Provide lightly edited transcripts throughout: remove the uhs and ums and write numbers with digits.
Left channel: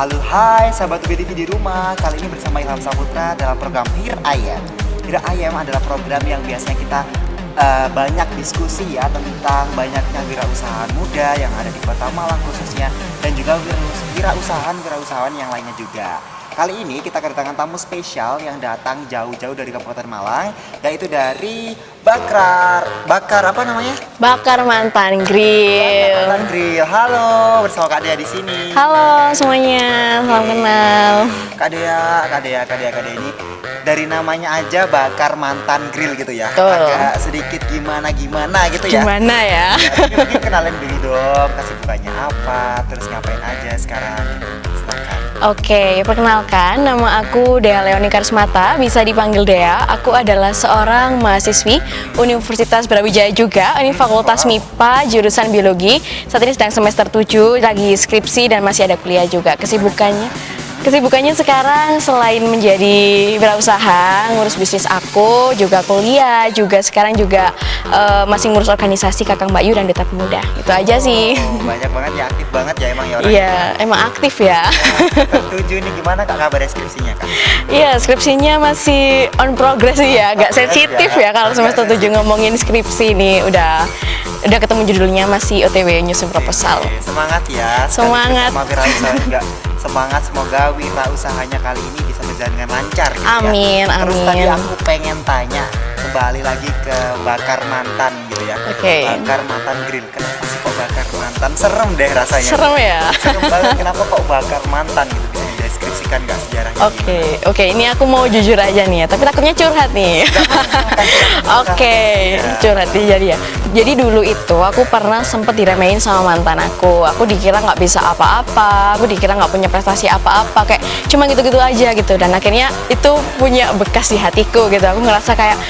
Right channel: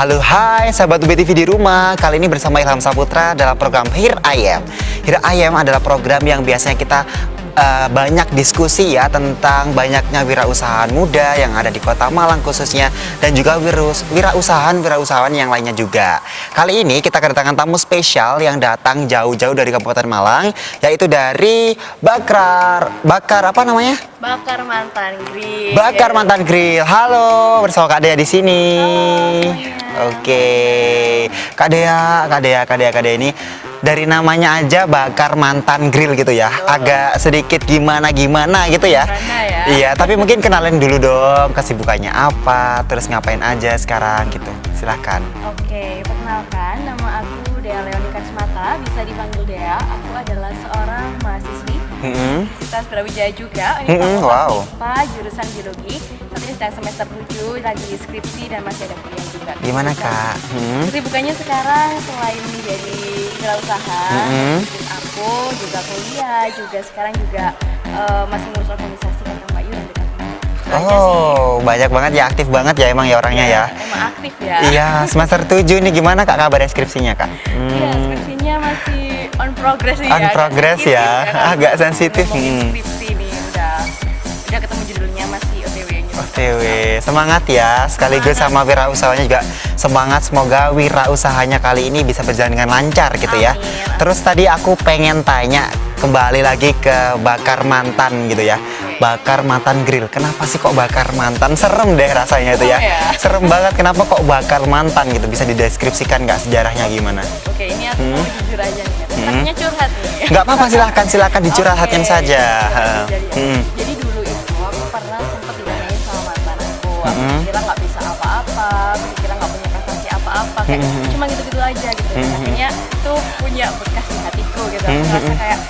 Halo, hai sahabat UBTV di rumah. Kali ini bersama Ilham Saputra dalam program Here I Am. Here I Am adalah program yang biasanya kita banyak diskusi ya tentang banyaknya wirausahaan muda yang ada di Kota Malang khususnya, dan juga wirausahaan yang lainnya juga. Kali ini kita kedatangan tamu spesial yang datang jauh-jauh dari Kabupaten Malang, yaitu dari Bakar apa namanya? Bakar Mantan Grill. Bakar Mantan Grill. Halo, bersama Kak Dea di sini. Halo semuanya. Oke. Kak Dea ini dari namanya aja Bakar Mantan Grill gitu ya. Betul. Agak sedikit gimana gitu ya. Gimana ya? Iya, tapi mungkin kenalin dulu dong kesibukannya apa, terus ngapain aja sekarang gitu. Silahkan. Oke, perkenalkan, nama aku Dea Leoni Karismata, bisa dipanggil Dea. Aku adalah seorang mahasiswi Universitas Brawijaya juga. Ini Fakultas wow. MIPA, jurusan Biologi. Saat ini sedang semester 7, lagi skripsi dan masih ada kuliah juga. Kesibukannya sekarang selain menjadi wirausaha, ngurus bisnis aku, juga kuliah, juga sekarang juga masih ngurus organisasi Kakang Mbak Yu dan Duta Pemuda. Itu aja sih. Oh, banyak banget ya, aktif banget ya emang ya orangnya ya. Emang aktif ya. Iya, semester 7 ini gimana Kak kabar skripsinya Kak? Iya, skripsinya masih on progress nih ya, agak sensitif ya kalau semester 7 ngomongin skripsi nih, udah ketemu judulnya, masih OTW nyusun proposal. Semangat ya, sekaligus sama wirausahanya juga semangat, semoga wirausahanya kali ini bisa berjalan dengan lancar gitu ya. Amin. Terus tadi aku pengen tanya kembali lagi ke Bakar Mantan gitu ya. Bakar Mantan Grill. Kenapa sih kok Bakar Mantan? Serem deh rasanya tuh ya. Serem banget, kenapa kok Bakar Mantan gitu? Bisa dideskripsikan nggak sejarahnya gimana? Oke, ini aku mau jujur aja nih ya, tapi takutnya curhat nih. Nggak apa-apa, silahkan dicurhatin saja. Curhatin jadi ya. Jadi dulu itu aku pernah sempet diremehin sama mantan aku. Aku dikira nggak bisa apa-apa, aku dikira nggak punya prestasi apa-apa, kayak cuma gitu-gitu aja gitu. Dan akhirnya itu punya bekas di hatiku gitu. Aku ngerasa kayak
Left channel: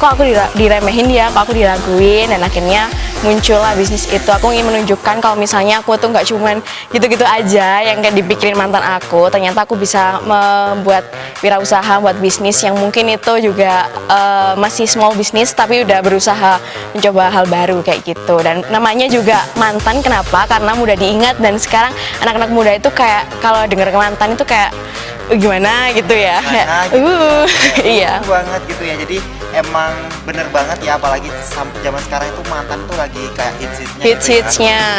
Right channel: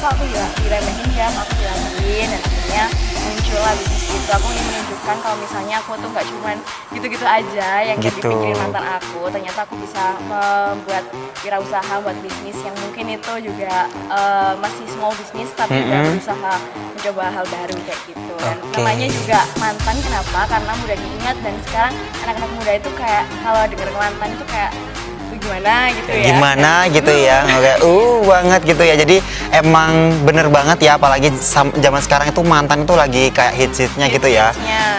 kok aku diremehin dia, kok aku diraguin, dan akhirnya muncullah bisnis itu. Aku ingin menunjukkan kalau misalnya aku tuh nggak cuman gitu-gitu aja yang kayak dipikirin mantan aku. Ternyata aku bisa membuat wirausaha, buat bisnis yang mungkin itu juga masih small business, tapi udah berusaha mencoba hal baru kayak gitu. Dan namanya juga mantan, kenapa? Karena mudah diingat, dan sekarang anak-anak muda itu kayak kalau dengar mantan itu kayak gimana gitu ya. Iya. Banget gitu ya. Jadi emang bener banget ya, apalagi zaman sekarang itu mantan itu lagi kayak hits-hitsnya gitu ya.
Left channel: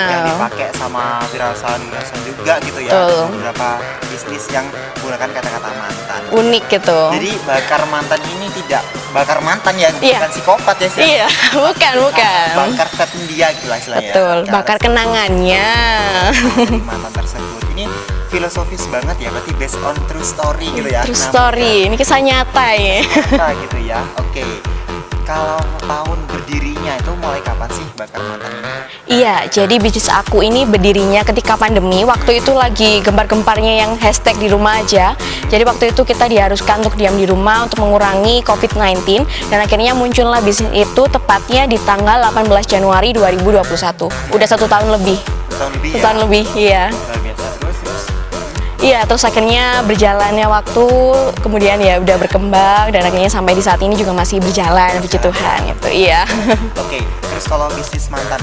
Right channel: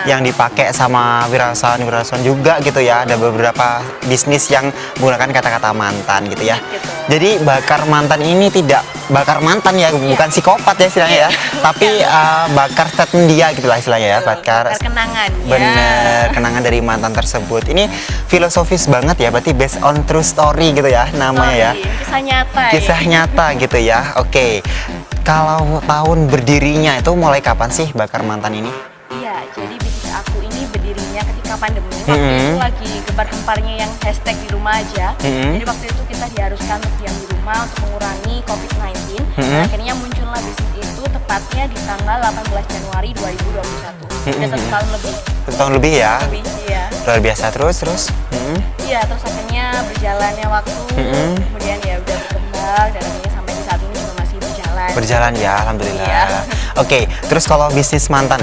Yang dipakai sama wirausahaan juga gitu ya. Ada beberapa bisnis yang menggunakan kata-kata mantan gitu. Unik ya. gitu. Jadi Bakar Mantan ini tidak bakar mantan ya, bukan psikopat ya istilahnya ya. Tapi bakar statement dia gitu lah istilahnya ya. Bakar kenangannya. Bener, kenangan dari mantan tersebut. Ini filosofis banget ya, berarti based on true story gitu ya namanya. Ini kisah nyata ya. Kisah nyata gitu ya. Oke. Kalau tahun berdirinya itu mulai kapan sih Bakar Mantan ini? Iya, jadi bisnis aku ini berdirinya ketika pandemi. Waktu itu lagi gembar-gemparnya yang hashtag di rumah aja. Jadi waktu itu kita diharuskan untuk diam di rumah untuk mengurangi COVID-19. Dan akhirnya muncullah bisnis itu tepatnya di tanggal 18 Januari 2021. Udah 1 tahun lebih. 1 tahun lebih ya? 1 tahun lebih, iya. Luar biasa. Terus? Iya, terus akhirnya berjalannya waktu, kemudian ya udah berkembang, dan akhirnya sampai di saat ini juga masih berjalan gitu ya, alhamdulillah. Iya. Oke, terus kalau bisnis mantan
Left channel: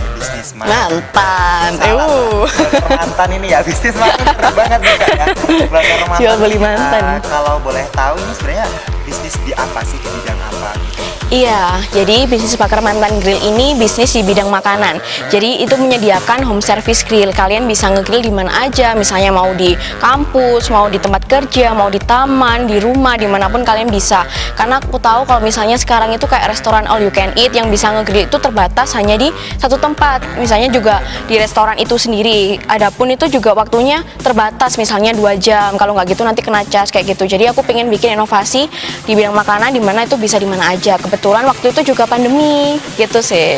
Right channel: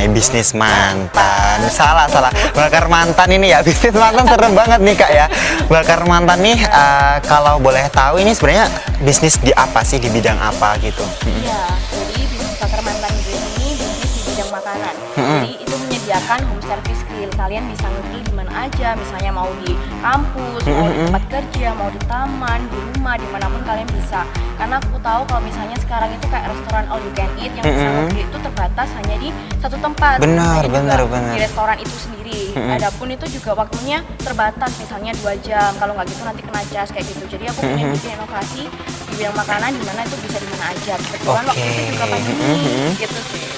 salah. Bakar Mantan ini ya, bisnis mantan serem banget nih Kak ya. Bakar Mantan nih, kalau boleh tahu ini sebenarnya bisnis di apa sih, di bidang apa gitu? Iya, jadi bisnis Bakar Mantan Grill ini bisnis di bidang makanan. Jadi itu menyediakan home service grill. Kalian bisa ngegrill di mana aja, misalnya mau di kampus, mau di tempat kerja, mau di taman, di rumah, dimanapun kalian bisa. Karena aku tahu kalau misalnya sekarang itu kayak restoran all you can eat, yang bisa ngegrill itu terbatas hanya di satu tempat. Misalnya juga di restoran itu sendiri. Adapun itu juga waktunya terbatas, misalnya 2 jam. Kalau nggak gitu nanti kena cas kayak gitu. Jadi aku pengen bikin inovasi di bidang makanan, di mana itu bisa di mana aja. Kebetulan waktu itu juga pandemi gitu sih.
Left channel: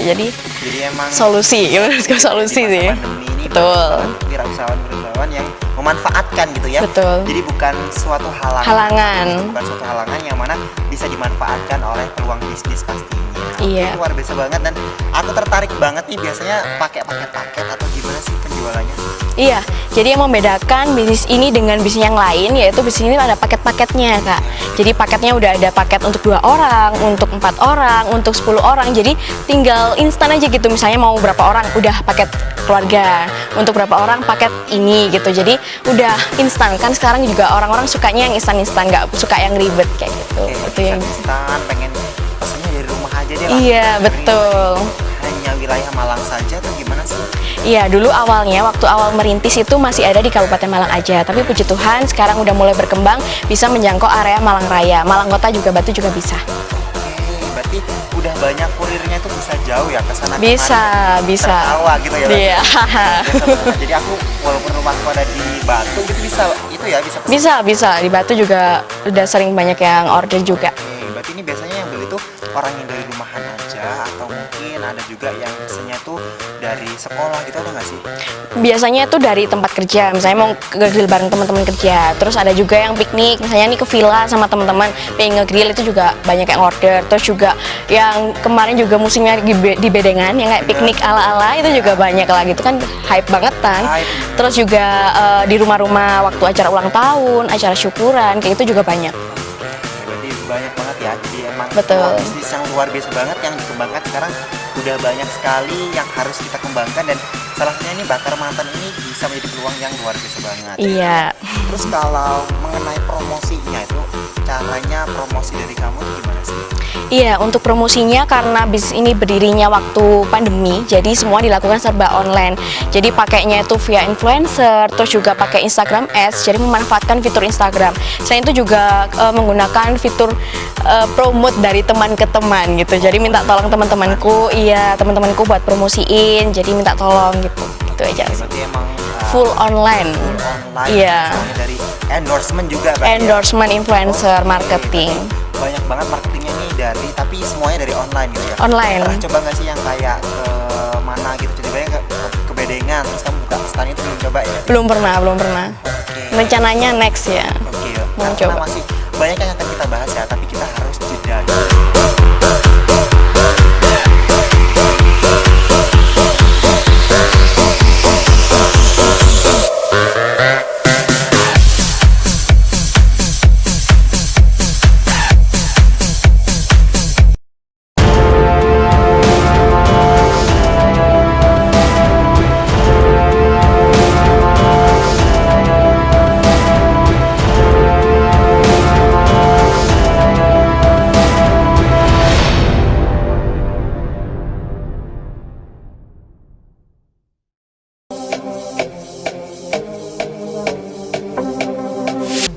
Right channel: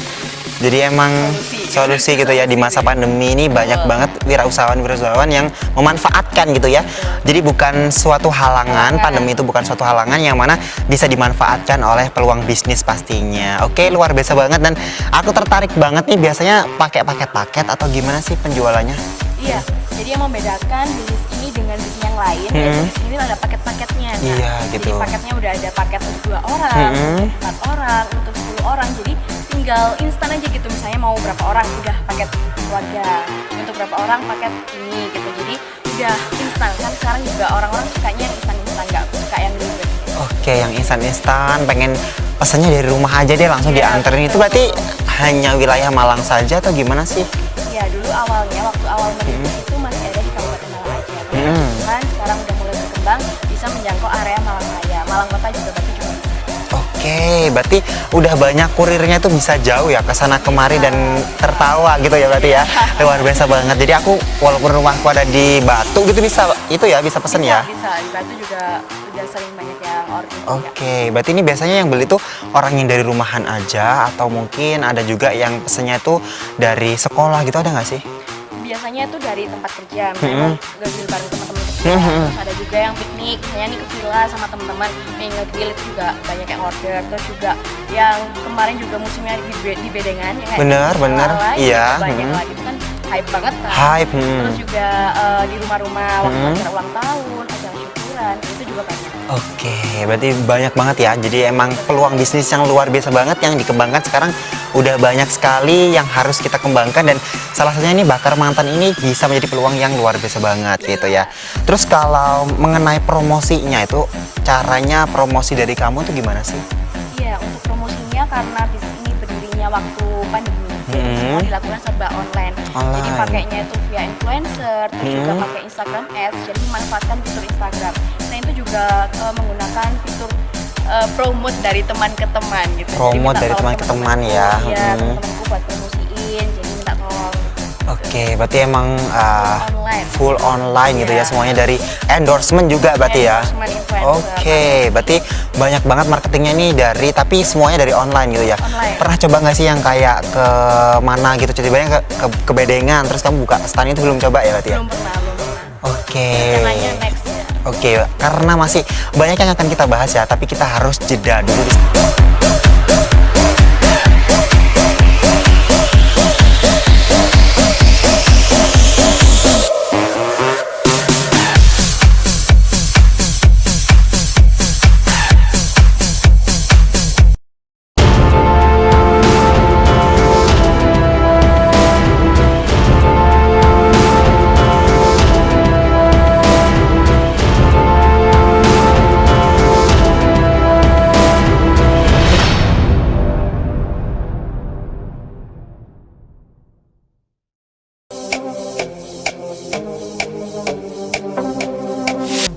Jadi emang solusi gitu ya, di masa pandemi ini banyak banget wirausahawan yang memanfaatkan gitu ya. Jadi bukan suatu halangan, pandemi itu bukan suatu halangan yang mana bisa dimanfaatkan oleh peluang bisnis pastinya. Oke, luar biasa banget, dan aku tertarik banget nih, biasanya pakai paket-paket atau gimana sih penjualannya? Iya, jadi yang membedakan bisnis ini dengan bisnis yang lain yaitu bisnis ini ada paket-paketnya Kak. Jadi paket paketnya udah ada paket untuk 2 orang, untuk 4 orang, untuk 10 orang. Jadi tinggal instan aja gitu. Misalnya mau berapa orang udah paket keluarga, untuk berapa orang paket ini gitu. Jadi udah instan kan, sekarang juga orang-orang sukanya yang instan-instan, nggak suka yang ribet kayak gitu. Oke, yang instan-instan, pengen pesannya dari rumah aja deh langsung dianterin. Itu berarti hanya wilayah Malang saja atau gimana sih? Iya, dulu awalnya waktu awal merintis itu masih ada di Kabupaten Malang aja. Tapi puji Tuhan sekarang udah mulai berkembang, bisa menjangkau area Malang Raya, Malang Kota juga, Batu juga bisa. Oke, berarti udah banyak kurirnya tuh bisa jauh ya ke sana kemari dan tertawa gitu ya berarti ya. Luar biasa banget. Jadi aku walaupun rumahku ada di Batu gitu bisa pesan ya? Bisa. Di Batu juga udah sering banyak yang order juga. Oke, berarti ini biasanya yang beli tuh orang yang dari rumahan aja atau mungkin ada juga yang pesennya tuh dari sekolah gitu, ada nggak sih? Biasanya itu dari tempat kerja, misalnya mau nge-grill bareng teman-teman kerja. Terus ada juga yang piknik, misalnya nih ke villa sama teman-teman pengen nge-grill, itu juga banyak yang order. Terus juga yang kemarin juga musimnya di Bedengan yang kayak piknik ala-ala itu juga banyak lah gitu kan, hype banget kan. Terus juga di rumah-rumah waktu acara ulang tahun, acara syukuran kayak itu juga banyak. Oke, berarti banyak banget ya. Jadi emang peluang bisnis yang luar biasa banget yang dikembangkan sekarang, udah banyak sekali yang harus kita kembangkan, dan salah satunya ini Bakar Mantan ini bisa menjadi peluang yang luar biasa banget gitu ya. Terus kalau mengenai promosinya itu, caranya promosi dari kamu itu gimana sih? Iya, untuk promosinya karena bisnis ini berdirinya waktu pandemi, jadi semua dilakukan serba online. Jadi pakainya itu via influencer, terus juga pakai Instagram Ads, jadi memanfaatkan fitur Instagram. Selain itu juga menggunakan fitur promote dari teman ke teman gitu. Jadi minta tolong teman-temanku, teman-temanku buat promosiin, jadi minta tolong gitu. Oke, berarti emang full online gitu ya, semuanya dari endorsement juga berarti endorsement, influencer, marketing. Berarti banyak banget marketingnya nih tapi semuanya dari online gitu ya. Online. Pernah coba nggak sih yang kayak ke mana gitu, coba ke Bedengan terus kamu buka stand itu, belum coba ya berarti? Belum pernah. Oke. Rencananya next ya. Oke, karena masih banyak yang akan kita bahas ya, tapi kita harus jeda dulu.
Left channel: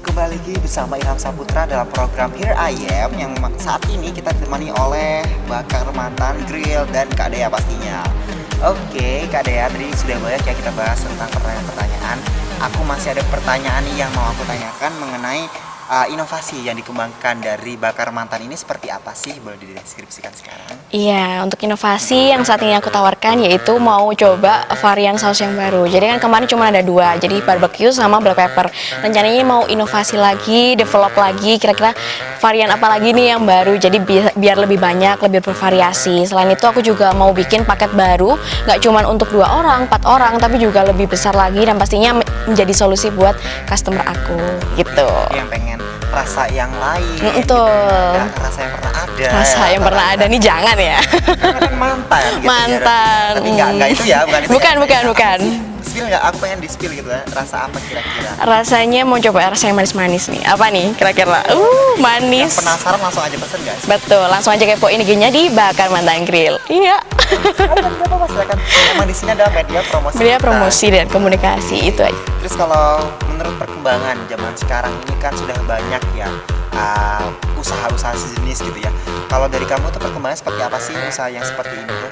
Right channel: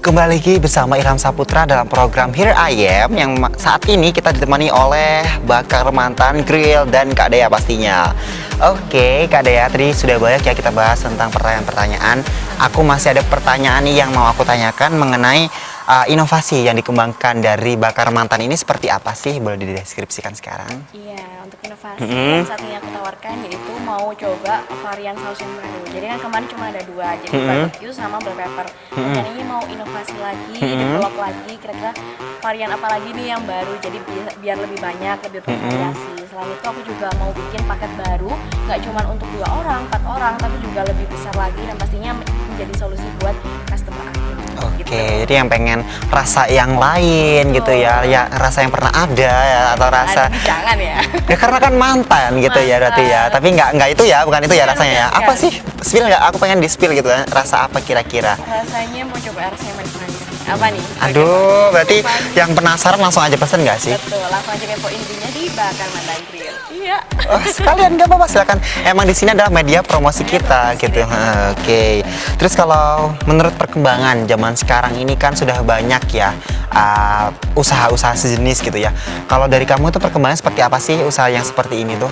Kembali lagi bersama Ilham Saputra dalam program Here I Am, yang saat ini kita ditemani oleh Bakar Mantan Grill dan Kak Dea pastinya. Oke, Kak Dea, tadi sudah banyak ya kita bahas tentang pertanyaan-pertanyaan. Aku masih ada pertanyaan nih yang mau aku tanyakan mengenai inovasi yang dikembangkan dari Bakar Mantan ini seperti apa sih? Boleh dideskripsikan sekarang? Iya, untuk inovasi yang saat ini aku tawarkan yaitu mau coba varian saus yang baru. Jadi kan kemarin cuma ada 2, jadi barbecue sama black pepper. Rencananya mau inovasi lagi, develop lagi, kira-kira varian apa lagi nih yang baru. Jadi biar lebih banyak, lebih bervariasi. Selain itu aku juga mau bikin paket baru, nggak cuma untuk 2 orang, 4 orang, tapi juga lebih besar lagi dan pastinya menjadi solusi buat customer aku. Gitu. Jadi yang pengen rasa yang lain gitu ya, rasa yang pernah ada. Rasa yang pernah ada nih jangan ya. Karena kan mantan gitu ya berarti ya. Tapi nggak itu ya, bukan itu ya rasanya. Bukan. Apa sih? Spill nggak? Aku pengen di spill gitu kan. Rasa apa kira-kira? Rasanya mau coba rasa yang manis-manis nih. Apa nih kira-kira? Berarti manis. Yang penasaran langsung aja pesen nggak sih? Betul, langsung aja kepoin IG-nya di Bakar Mantan Grill. Iya. Sekalian nggak apa-apa, silakan. Emang di sini adalah media promosi kita. Promosi gitu. dan komunikasi itu aja. Terus kalau menurut perkembangan zaman sekarang ini kan sudah banyak ya usaha-usaha sejenis gitu ya. Kalau dari kamu tuh perkembangan seperti apa sih usaha yang seperti ini tuh?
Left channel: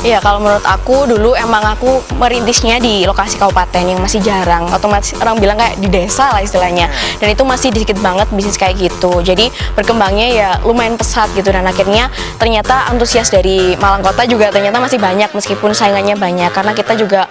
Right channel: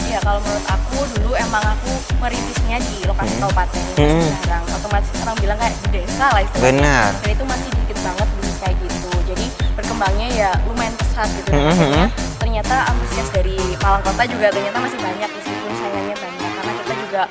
Iya, kalau menurut aku dulu emang aku merintisnya di lokasi kabupaten yang masih jarang. Otomatis orang bilang kayak di desa lah istilahnya. Dan itu masih dikit banget bisnis kayak gitu. Jadi berkembangnya ya lumayan pesat gitu. Dan akhirnya ternyata antusias dari Malang Kota juga ternyata masih banyak meskipun saingannya banyak. Karena kita juga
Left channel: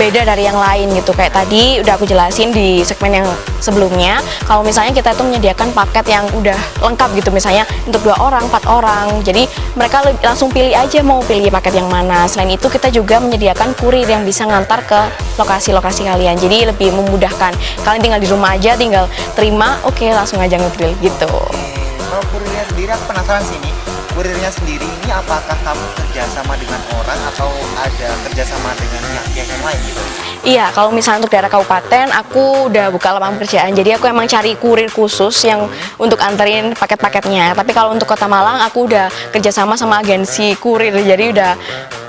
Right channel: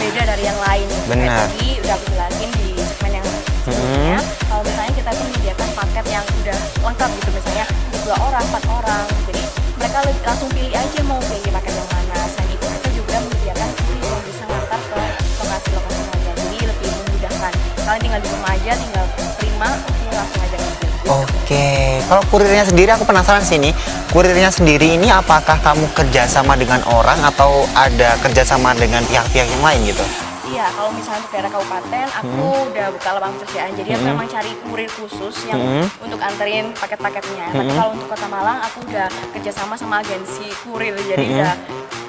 beda dari yang lain gitu. Kayak tadi udah aku jelasin di segmen yang sebelumnya. Kalau misalnya kita itu menyediakan paket yang udah lengkap gitu. Misalnya untuk 2 orang, 4 orang. Jadi mereka langsung pilih aja mau pilih paket yang mana. sana. Selain itu kita juga menyediakan kurir yang bisa ngantar ke lokasi-lokasi kalian. Jadi lebih memudahkan. Kalian tinggal di rumah aja, tinggal terima, oke langsung aja nge-grill gitu. Oke, kalau kurirnya sendiri aku penasaran sih nih. Kurirnya sendiri ini apakah kamu kerjasama dengan orang atau ada kerjasama dengan pihak-pihak yang lain gitu? Iya, kalau misalnya untuk daerah kabupaten, aku udah buka lapangan pekerjaan. Jadi aku emang cari kurir khusus yang untuk anterin paket-paketnya. Tapi kalau untuk Kota Malang, aku udah kerjasama sama agensi kurir. Jadi udah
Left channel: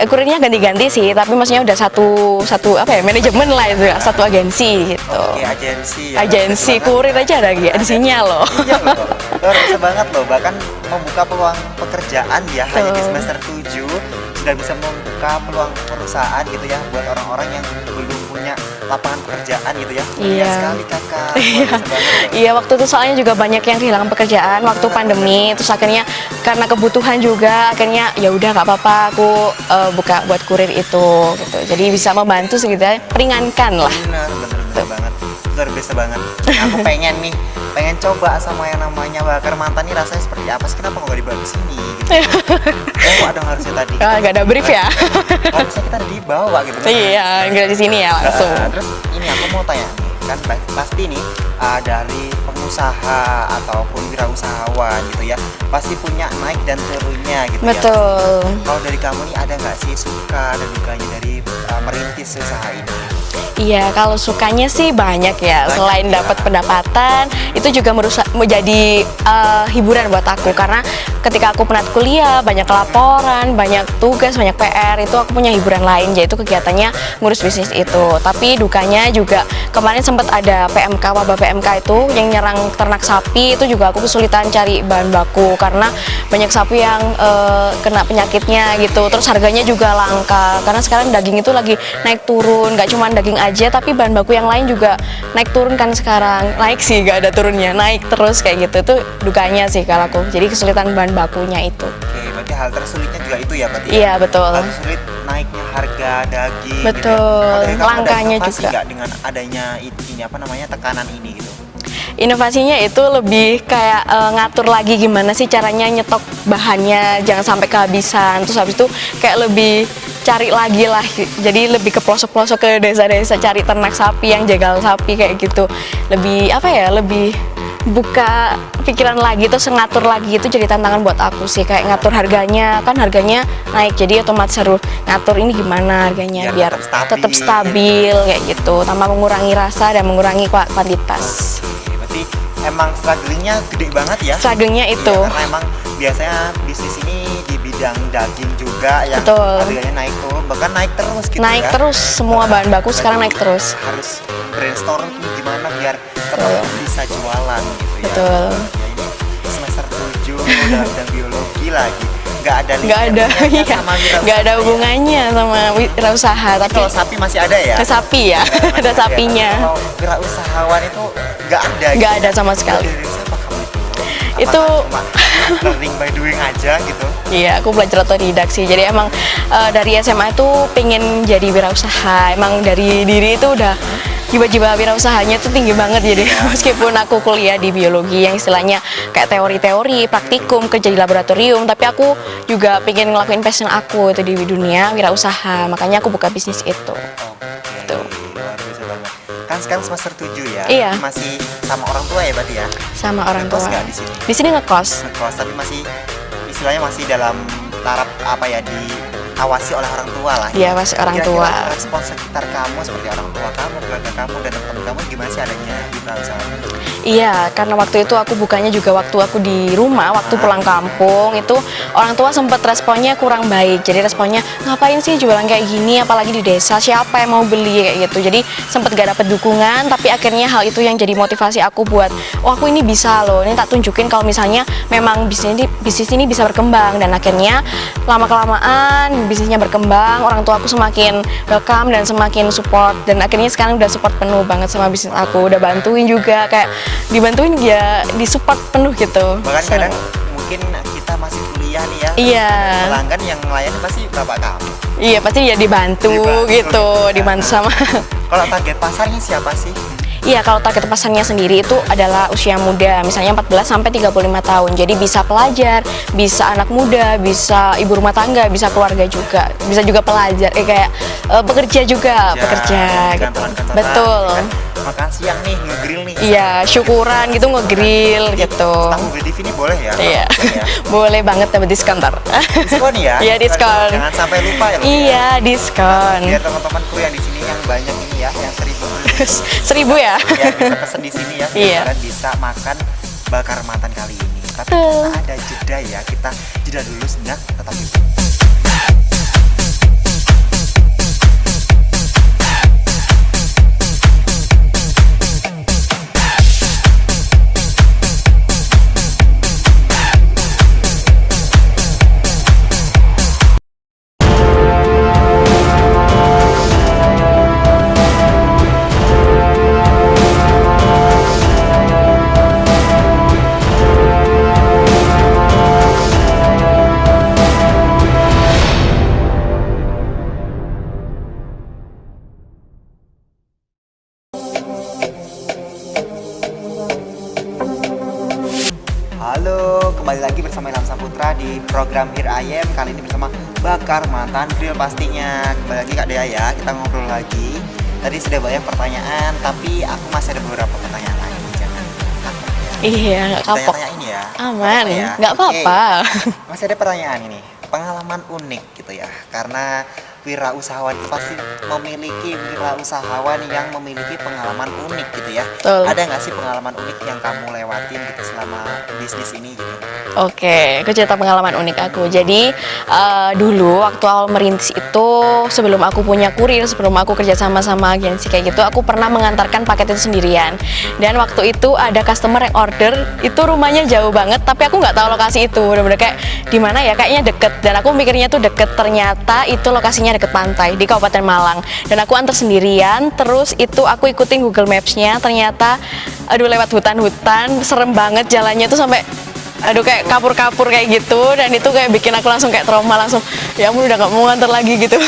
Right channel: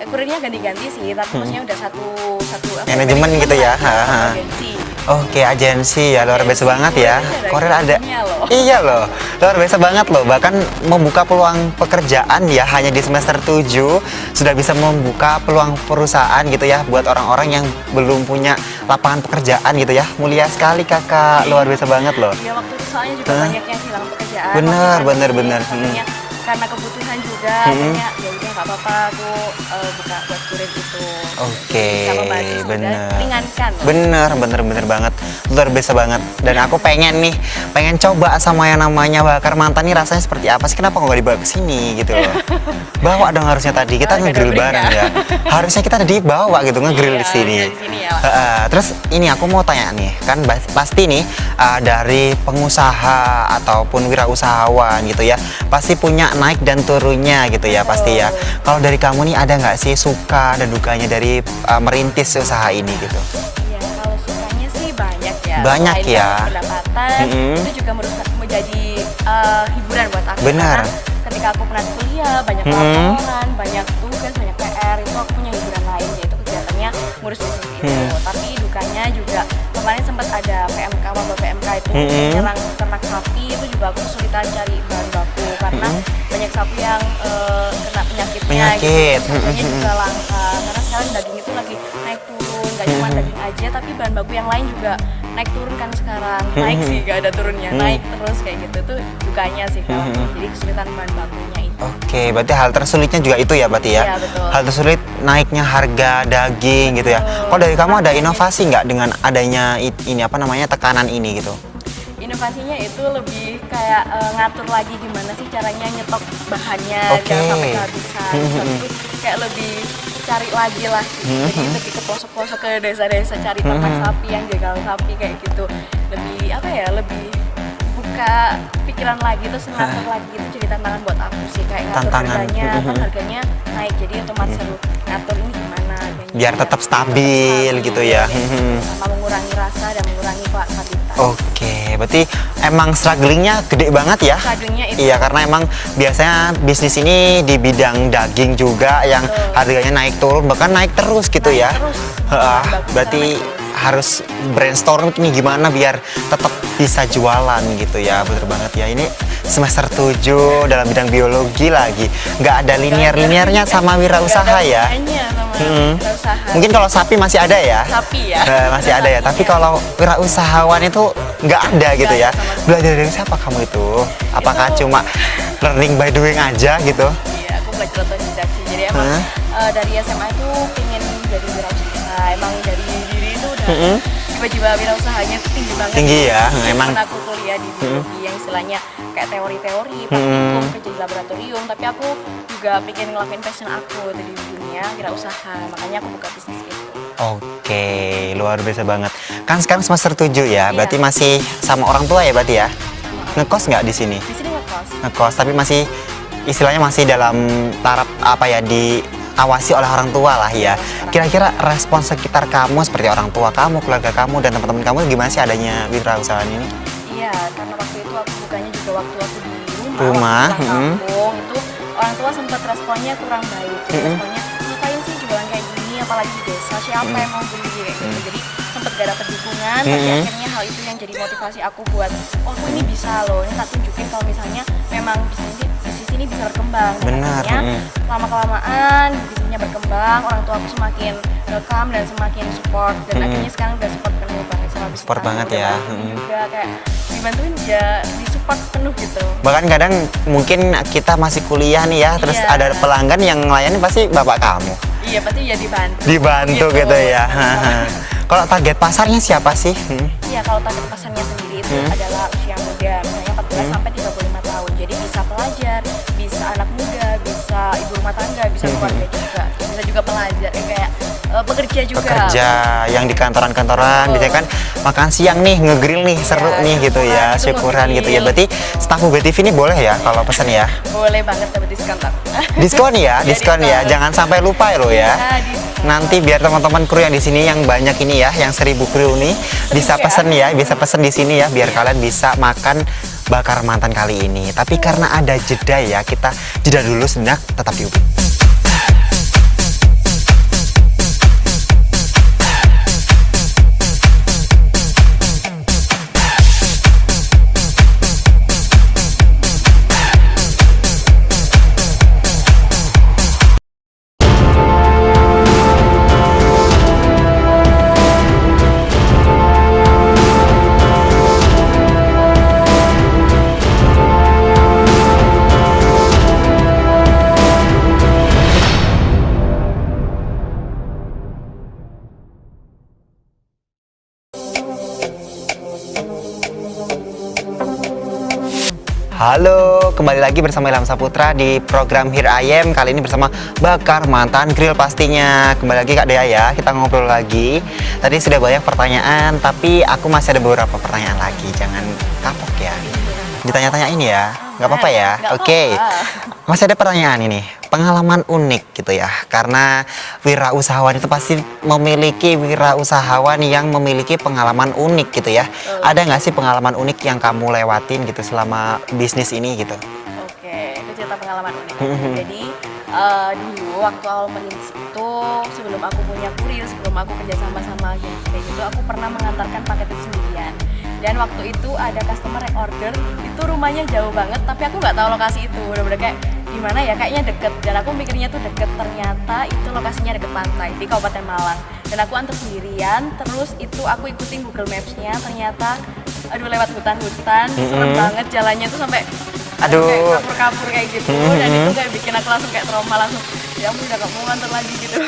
kurirnya ganti-ganti sih. Tapi maksudnya udah satu manajemen gitu lah, ya? satu agensi gitu. Oke, agensi ya, luar biasa Agensi banget kurir ya. aja ada Kurir agensinya loh. Iya loh, luar biasa banget loh. Bahkan membuka peluang pekerjaan ya, hanya di semester 7 sudah bisa membuka peluang perusahaan gitu ya buat orang-orang yang belum punya lapangan pekerjaan gitu ya. Mulia Iya. sekali kakak, luar biasa banget loh. Iya, waktu itu soalnya juga banyak yang kehilangan pekerjaan Benar, waktu pandemi. benar. Terus akhirnya karena kebutuhan juga, akhirnya ya udah nggak apa-apa, aku buka buat kurir itu. Gitu. Jadi bisa membantu sebetulnya, benar. peringankan lah. Bener banget, luar biasa banget. Dan aku pengen coba sama yang namanya bakar mantan nih rasanya seperti apa sih? Kenapa nggak dibawa ke sini gitu? Bawa dong harusnya tadi kita Nggak ada nge-grill brief ya? bareng. Harusnya kita ada dibawa gitu nge-grill Iya, di sini. nggak di sini ya langsung. Terus ini aku mau tanya nih, kan pasti nih dari pengusaha ataupun wirausahawan gitu ya, pasti punya naik dan turunnya gitu ya Betul. pasti ya. Kalau dari kamu nih ada nggak sih suka dan dukanya dari merintis usaha ini gitu? Iya, kalau sukanya sih banyak ya. Banyak Selain ya. dapat pendapatan, itu juga menjadi hiburan buat aku. Benar. Karena ketika aku penat kuliah, banyak laporan, banyak tugas, banyak PR, itu aku punya hiburan lain, yaitu kegiatannya ngurus bisnis itu. Tapi dukanya juga kemarin sempat ada PMK, wabah PMK itu yang nyerang ternak sapi, itu juga aku kesulitan cari bahan baku karena banyak sapi yang kena penyakitnya Penyakit. gitu. Terus harganya juga langka karena sekarang daging itu lagi naik turun, nggak cuma daging aja tapi bahan baku yang lain juga naik turun kan sekarang. Naik sih, nggak ada turunnya, naik terus kayak gitu. Itu dukanya sih kalau aku. Jadi kesulitan bahan bakunya itu. Oke, berarti hal tersulitnya juga itu ya berarti ya? Iya, betul. Hal tersulit naiknya harga daging gitu ya. Betul. Kalau dari kamu ada Langkanya inovasi juga. nggak dengan adanya ini apa namanya tekanan ini gitu? Inovasinya itu lebih kayak ngatur lagi gimana sih caranya nyetok bahannya, Oke. jangan sampai kehabisan. Terus habis itu kayak lebih cari lagi lah, jadi lebih ke pelosok-pelosok ke desa-desa cari ternak sapi yang jagal sapi kayak gitu. Lebih apa ya, lebih buka pikiran lagi, terus ngatur lagi, itu jadi tantangan buat aku sih, kayak ngatur harganya, kan harganya naik, jadi otomatis harus ngatur ini gimana harganya Biar tetap stabil gitu ya. kayak gitu, tanpa mengurangi rasa dan mengurangi kuantitas. Oke, berarti emang strugglingnya gede banget ya? Strugglingnya itu. Iya, karena emang biasanya bisnis ini di bidang daging juga yang Betul. harganya naik turun, bahkan naik terus gitu Naik ya? terus, semua bahan baku sekarang berarti naik terus. harus brainstorm nih gimana biar tetap bisa jualan gitu ya. Betul. Betul banget ya, ini semester 7 dalam bidang biologi lagi. Nggak ada Nggak linear-linearnya iya. sama Nggak wirausaha ada ya? hubungannya sama wirausaha. Mungkin tapi kalau sapi masih ada ya? ke sapi ya, Masih ada ada ya. Tapi sapinya. kalau wirausahawan itu nggak ada gitu Nggak ya? ada sama sekali. Nggak ada dari siapa kamu itu? Apakah Itu- cuma learning by doing aja gitu? Iya, aku belajar otodidak sih. Jadi emang dari SMA itu pengen jadi wirausaha. Emang dari diri itu udah jiwa-jiwa wirausahanya tuh tinggi banget. Jadi Iya, meskipun memang. aku kuliah di biologi yang istilahnya kayak teori-teori, praktikum, kerja di laboratorium, tapi aku juga pengen ngelakuin passion aku itu di dunia wirausaha. Makanya aku buka bisnis itu. Oke, luar biasa banget. Kan sekarang semester 7 ya? Iya. Berarti masih sama orang tua ya berarti ya? Sama orang Ngekos tua. nggak di sini? Di sini ngekos. Ngekos, tapi masih istilahnya masih dalam taraf apa ya, diawasi oleh orang tua lah ya. Diawasi orang Kira-kira tua. respon sekitar kamu seperti orang tua kamu, keluarga kamu dan teman-teman kamu gimana sih adanya wirausahaan ini? Iya, karena waktu itu aku bukanya juga waktu aku di rumah, waktu pulang kampung itu orang tua sempat responnya kurang baik. Jadi responnya, ngapain sih jualan kayak gini, apalagi di desa, siapa yang mau beli kayak gitu. Jadi sempat gak dapet dukungan, tapi akhirnya hal itu yang jadi motivasi aku buat, oh aku ini bisa loh, ini tak tunjukin kalau misalnya memang bisnis ini bisa berkembang. Dan akhirnya lama-kelamaan bisnisnya berkembang, orang tua aku semakin welcome dan semakin support. Dan akhirnya sekarang udah support penuh banget sama bisnis Support aku, banget udah ya. bantuin juga, kayak dibantuin ya, disupport penuh gitu. Bahkan kadang mungkin kita masih kuliah nih ya, terus Iya. ada pelanggan yang melayani pasti bapak kamu. Iya, pasti ya dibantu, Dibantu gitu, gitu ya. dibantu sama Kalau target pasarnya siapa sih? Iya, kalau target pasarnya sendiri itu adalah usia muda, misalnya 14 sampai 35 tahun. Jadi bisa pelajar, bisa anak muda, bisa ibu rumah tangga, bisa keluarga juga, bisa juga pelajar, kayak pekerja juga. Pekerja yang di gitu. kantoran-kantoran, Betul. gitu kan makan siang nih, ngegrill nih, Iya, seru nih syukuran gitu, syukuran ngegrill Berarti gitu. staf BTV ini boleh ya kalau Iya. pesan ya? Boleh banget dapat diskon ntar. Diskon ya, Iya, diskon ya. diskon. Jangan sampai lupa ya lo ya. Iya, diskon. Nanti biar teman-teman kru yang di sini yang banyak ini ya, yang 1000 kru ini 1000 bisa ya? pesen ya, bisa pesen di sini ya, biar Iya. kalian bisa makan bakar mantan kali ini. Tapi karena ada jeda ya, kita jeda dulu sejenak, tetap di UPI. Halo, kembali lagi bersama Ilham Saputra di program Here I Am. Kali ini bersama Bakar Mantan Grill pastinya. Kembali lagi Kak Dea ya, kita ngobrol lagi. Tadi sudah banyak pertanyaan, tapi aku masih ada beberapa pertanyaan lagi. Jangan kapok ya. Iya, nggak kapok. Ditanya-tanya ini ya, Aman, nggak apa-apa ya? nggak Oke. apa-apa. Masih ada pertanyaan ini, pengalaman unik gitu ya. Karena wirausahawan itu pasti memiliki wirausahawan yang memiliki pengalaman unik gitu ya. Betul. Ada nggak sih pengalaman unik yang kamu lewatin gitu selama bisnis ini gitu? Oke, aku cerita pengalaman unik aku. Jadi dulu waktu awal merintis itu, sebelum aku punya kurir, sebelum aku kerja sama agensi kayak gitu, aku pernah mengantarkan paket itu sendirian. Dan waktu itu ada customer yang order, itu rumahnya jauh banget, tapi aku nggak tahu lokasi itu. Bener-bener kayak di mana ya, kayaknya deket. Dan aku mikirnya tuh deket, ternyata itu lokasinya deket pantai di Kabupaten Malang. Dan aku antar sendirian, terus itu aku ikutin Google Maps-nya, ternyata aduh lewat hutan-hutan, serem banget jalannya tuh sampai aduh kayak kapur-kapur kayak gitu. Dan itu kayak bikin aku langsung kayak trauma, langsung ya ampun udah gak mau nganter lagi gitu.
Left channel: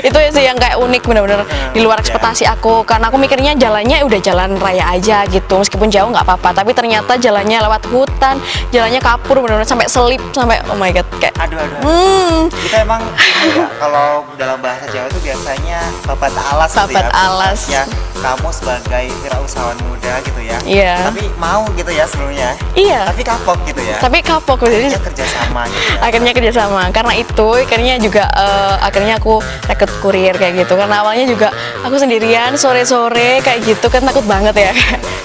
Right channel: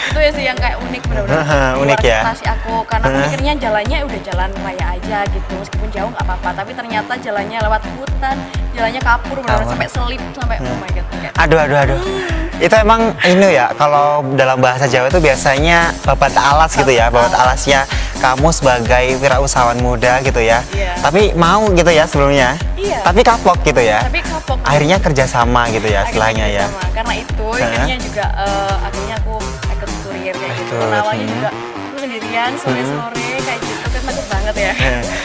Itu ya sih yang kayak unik, bener-bener di luar unik ya. ekspektasi aku, karena aku mikirnya jalannya udah jalan raya aja gitu, meskipun jauh nggak apa-apa, tapi ternyata jalannya lewat hutan, jalannya kapur, bener-bener sampai selip, sampai oh my god kayak Aduh. Itu emang ini ya, kalau dalam bahasa Jawa itu biasanya babat alas gitu ya, Babat babat alas. alasnya kamu sebagai wirausahawan muda gitu ya. Iya. Tapi mau gitu ya sebelumnya. Iya. Tapi kapok gitu ya. tapi kapok Akhirnya kerjasama gitu ya. akhirnya istilahnya ya. kerjasama karena itu akhirnya juga akhirnya aku rekrut kurir kayak gitu, karena awalnya juga aku sendirian sore-sore kayak gitu kan, takut banget ya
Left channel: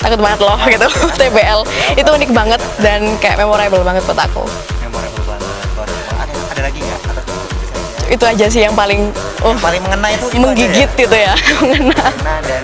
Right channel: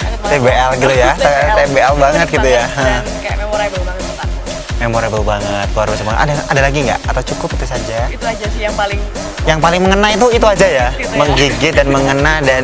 takut banget loh TBL gitu tuh ya. TBL TBL itu banget unik gitu banget ya. dan kayak memorable banget buat aku. Memorable banget, baru cuma ada lagi nggak atau cukup itu saja? Itu aja sih yang paling Yang paling mengena itu aja ya. menggigit gitu ya. Menggigit dan mengena dan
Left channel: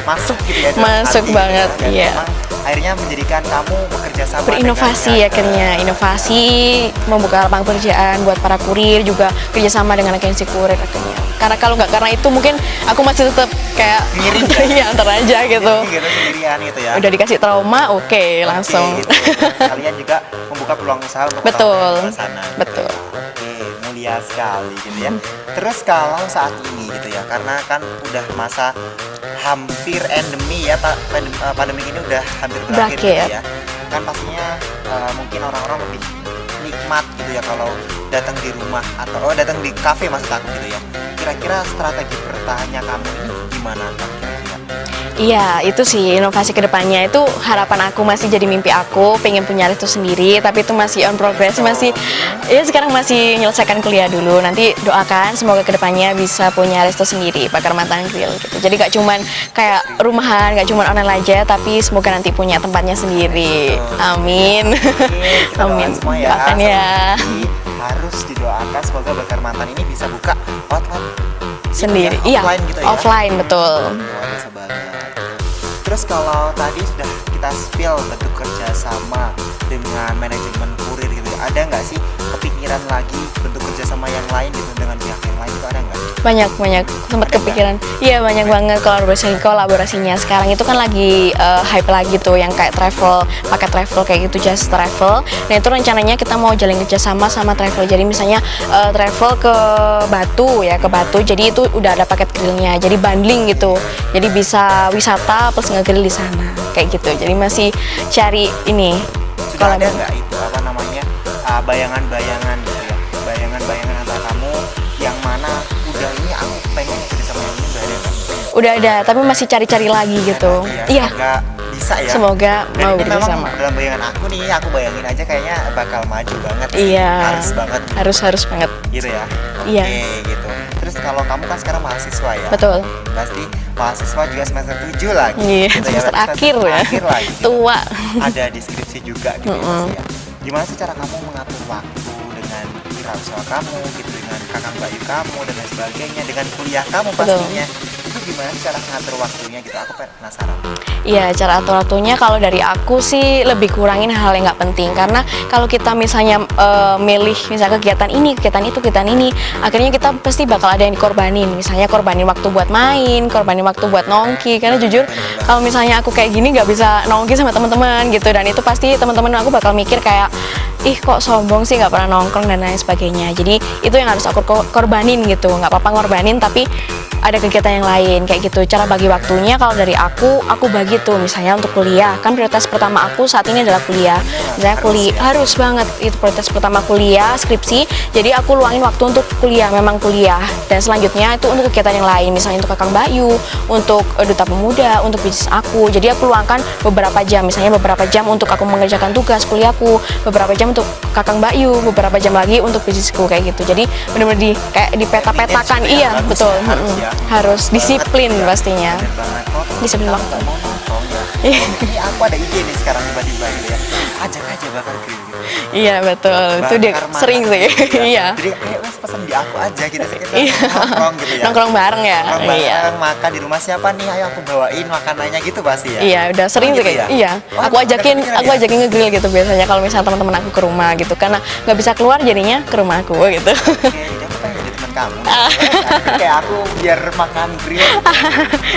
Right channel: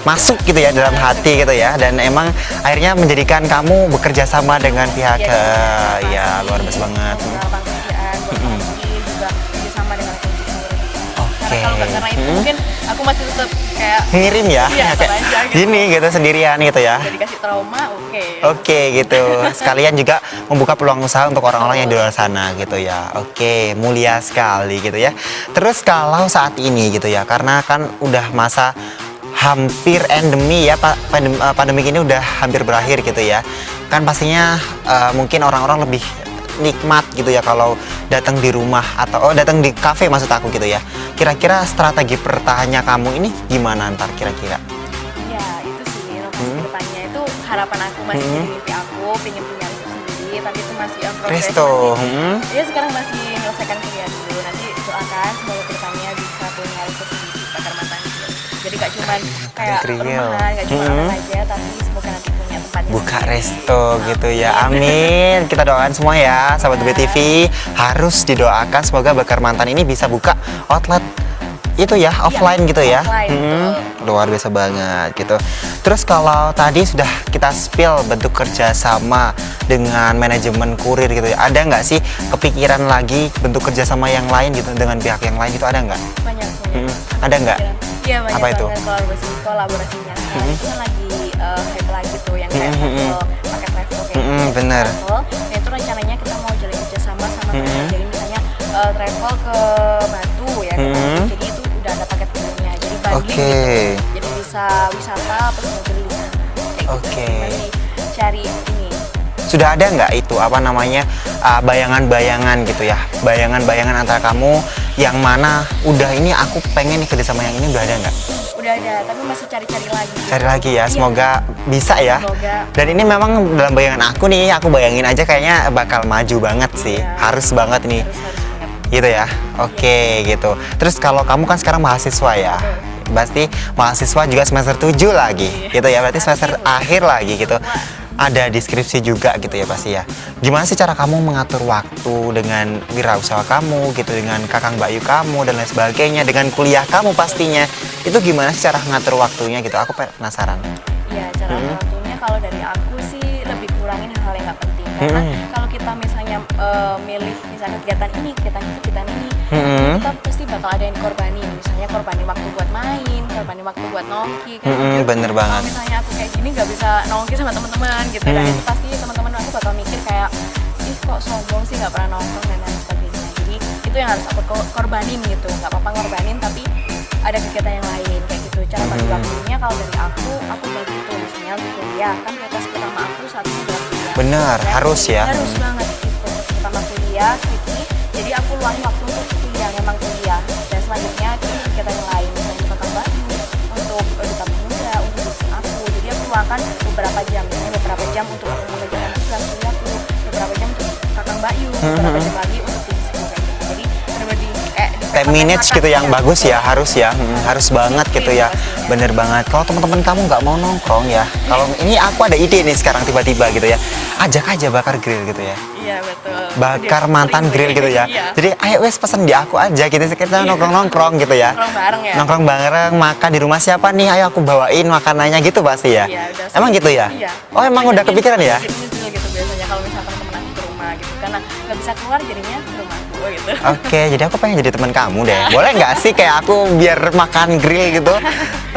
masuk gitu ya dalam Masuk hati gitu ya. banget, Dan iya. emang akhirnya menjadikan kamu bekerja sama dengan inovasi pihak akhirnya inovasi ya, bagus banget. membuka lapangan pekerjaan buat para kurir, juga kerjasama dengan agensi kurir akhirnya. Karena kalau nggak karena itu mungkin aku masih tetap kayak ngirim ya. iya antar aja gitu. Gini gitu sendirian gitu ya. Udah dikasih trauma, oke Oke langsung. gitu. Sekalian juga membuka peluang usaha untuk orang-orang yang di Betul. luar sana gitu Betul. ya. Oke, mulia sekali gitu ya. Terus kalau saat ini gitu ya, karena kan udah masa hampir endemi ya, pandemi ini udah hampir berakhir Berakhir. gitu ya. Kan pastinya mungkin orang-orang lebih nikmat gitu ya kalau datang di rumah atau datang di kafe maksud aku gitu ya. Kira-kira strategi bertahannya kamu ini gimana ntar kira-kira? Iya, itu sih inovasi kedepannya itu harapan aku, masih jadi mimpi aku, pengen punya resto sendiri, tapi itu masih on progress, Resto. masih ya sekarang masih menyelesaikan kuliah dulu. Nanti doakan semoga kedepannya bisa punya resto sendiri, Bakar Mantan Grill gitu. Jadi gak cuman kayak Grill. rumahan, gak cuman online aja, tapi semoga nanti punya tempatnya Buka sendiri. resto gitu Amin. ya. Amin. Kita doakan Amin. semua ya, Doakan Sahabat ya. BTV harus didoakan semoga Bakar Mantan ini bisa buka outlet itu ya, Sendiri. Iya, offline gitu ya. offline, betul. Luar biasa banget gitu. Terus kalau tadi sudah kita spill bentuk kerjasama dengan manajemen kurir gitu ya, ada nggak sih kepikiran lagi bentuk kerjasama yang lain gitu dengan pihak yang lain itu ada nggak? Banyak sempat Ada nggak? kepikiran. Iya banyak Apa itu? banget kolaborasinya sekarang itu kan lagi hype lagi tuh yang kayak travel, paket travel kayak gitu, just benar. travel. Nah itu rencananya kita mau jalin kerjasama sama travel. Jadi misalnya travel ke Batu ya, ke Batu. Jadi itu itu udah ada paket grillnya, jadi bundling Oke. gitu. Jadi bisa wisata plus nge-grill di sana kayak gitu. Jadi masih cari ini. Sudah ada nggak itu apa namanya bayangan-bayangan gitu ya, bayangan-bayangan antara kamu yang mana udah ini aku pengen nih kerja sama yang ini, udah ada nggak? Udah ada, tapi masih cari-cari lagi gitu. Cari lagi ya, Iya. semoga bisa ya. Semoga Dan mau ini bersama. memang dalam bayangan aku nih, aku bayangin aja kayaknya bakal maju banget sih. Iya. Harus banget nih. Harus banget. Gitu ya. Oke, gitu. Terus kalau kamu kan sekarang mahasiswa ya. Betul. Pasti mahasiswa juga semester 7 lagi. Iya, Gitu ya. Berarti semester akhir ya. akhir lagi gitu. Tua. Ada deskripsi juga gitu ya pasti ya. Gimana sih cara kamu mengatur waktu dengan wirausaha kamu gitu, dengan kakang Mbak Yu kamu dan lain sebagainya, dengan kuliah kamu pastinya. Itu gimana sih cara ngatur waktunya gitu? Aku penasaran. Iya, cara atur-aturnya kalau dari aku sih lebih kurangin hal yang nggak penting. Karena kalau kita misalnya milih misalnya kegiatan ini, kegiatan itu, kegiatan ini, akhirnya kita pasti bakal ada yang dikorbanin. Misalnya korbanin waktu buat main, korbanin waktu buat nongki. Karena jujur, bener banget. kalau misalnya aku kayak gini nggak bisa nongki sama teman-teman gitu. Dan itu pasti teman-teman aku bakal mikir kayak, ih kok sombong sih nggak pernah nongkrong dan lain sebagainya. Jadi itu yang harus aku korbanin gitu. Nggak apa-apa ngorbanin, tapi ada kegiatan yang lain kayak gitu. Cara bagi waktunya kalau dari aku bagi tuh misalnya untuk kuliah. Kan prioritas pertama aku saat ini adalah kuliah. Benar, Misalnya harus ya. harus banget itu prioritas pertama kuliah, skripsi. Jadi aku luangin waktu untuk kuliah, memang kuliah. Dan selanjutnya itu untuk kegiatan yang lain, misalnya untuk Kakang Bayu, untuk Duta Pemuda, untuk bisnis aku. Jadi aku luangkan beberapa jam, misalnya beberapa jam untuk aku mengerjakan tugas kuliahku, beberapa jam untuk Kakang Bayu, beberapa jam lagi untuk bisnisku kayak gitu. Jadi benar-benar kayak Time dipeta-petakan. manage gitu yang bagus betul. ya, harus ya. Harus banget disiplin gitu ya. pastinya. Bener banget. Kalau teman-teman kamu nggak mau nongkrong ya, kalau ini aku ada ide nih sekarang tiba-tiba gitu ya, ajak aja bakar grill gitu ya. Iya betul. Itu dia Bakar sering mantan sih. grill gitu ya. Iya. Jadi ayo wes pesen di aku aja gitu, kita nongkrong-nongkrong gitu ya. Nongkrong bareng ya. Nongkrong bareng, makan di rumah siapa nih, ayo aku bawain makanannya gitu pasti ya. Iya, udah sering Emang gitu sih. ya? Iya. Oh, emang udah kepikiran aku ya? ajakin ngegrill gitu biasanya kalau misalnya teman-teman aku ke rumah gitu, karena nggak bisa keluar jadinya ke rumah aku gitu. Oke, jadi aku pengen jadi teman kamu deh. Boleh nggak sih kayak aku biar makan grill gitu?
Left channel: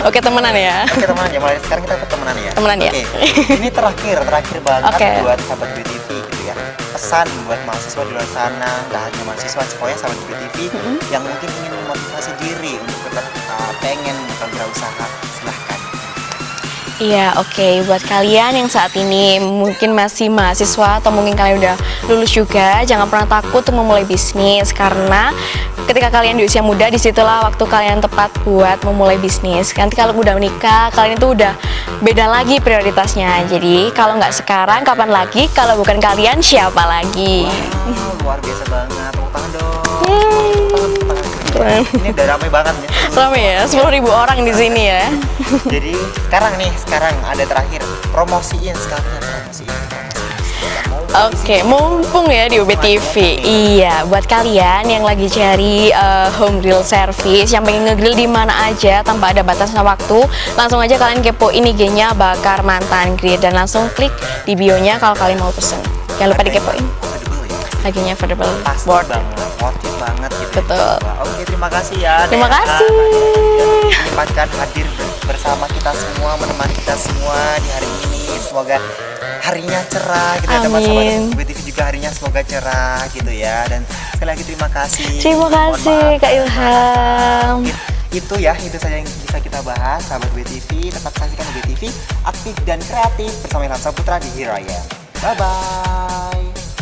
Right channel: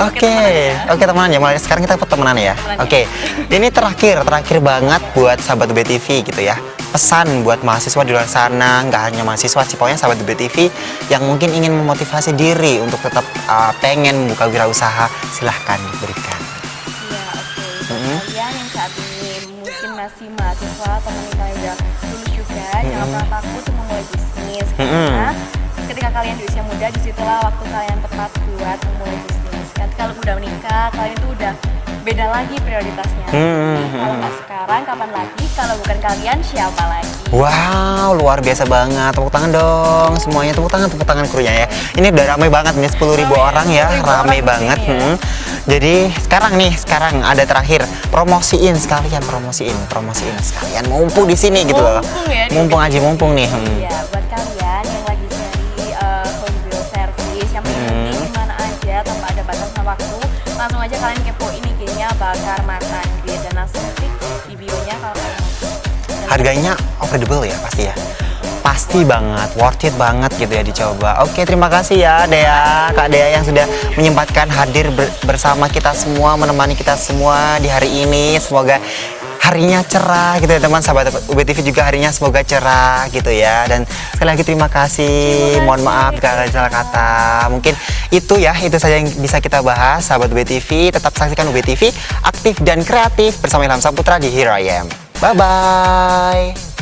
Oke, temenan ya. Oke, temenan ya. Mulai sekarang kita temenan ya. Temenan ya. Oke. Ini terakhir banget Oke. buat sahabat BTV gitu ya. Pesan buat mahasiswa di luar sana, nggak hanya mahasiswa sih, pokoknya sahabat BTV yang mungkin ingin memotivasi diri untuk tetap pengen buka wirausaha, silahkan berikan. Iya, oke. Buat kalian yang saat ini mungkin masih mahasiswa atau mungkin kalian udah lulus juga, jangan pernah takut untuk memulai bisnis karena ketika kalian di usia muda, disitulah waktu kalian tepat buat memulai bisnis. Nanti kalau udah menikah, kalian itu udah beda lagi prioritasnya. Jadi kalau nggak sekarang, kapan lagi? Kalau bukan kalian, siapa lagi? Wow, luar biasa banget. Tepuk tangan dong. Semuanya tepuk tangan krunya ya. Ini udah ramai banget nih, 10.000 Ramai ya, orang ya. 10.000 Ramai orang di banget. sini ya. Jadi sekarang ada terakhir, promosiin sekalian sekalian mumpung di sini gitu loh. mumpung ya di Mumpung lagi, UBTV. mumpung nih. Iya, buat kalian yang lagi cari home grill service, yang pengen ngegrill di mana aja tanpa ada batasan waktu, langsung aja kalian kepoin IG-nya Bakar Mantan Grill dan langsung klik di bio-nya kalau kalian mau pesen. Jangan lupa Harganya dikepoin. affordable ya pasti. Ya? Harganya affordable. Pasti Worth it. banget, worth it banget gitu ya Betul. dicoba. Oke, terima kasih ya Terima Dea, kasih. Kak Dea yang sudah menyempatkan hadir bersama kita semua, menemani kita semua di hari ini. Semoga harinya cerah gitu ya teman, Amin. sahabat UBTV juga harinya semoga cerah gitu ya. Dan sekali lagi terima kasih. Terima kasih, Mohon maaf Kak kalau ada salah kata. Ilham. Mungkin itu saja yang bisa kita bahas sahabat UBTV. Tetap saksikan UBTV aktif dan kreatif bersama Ilham Saputra di Here I Am. Bye bye.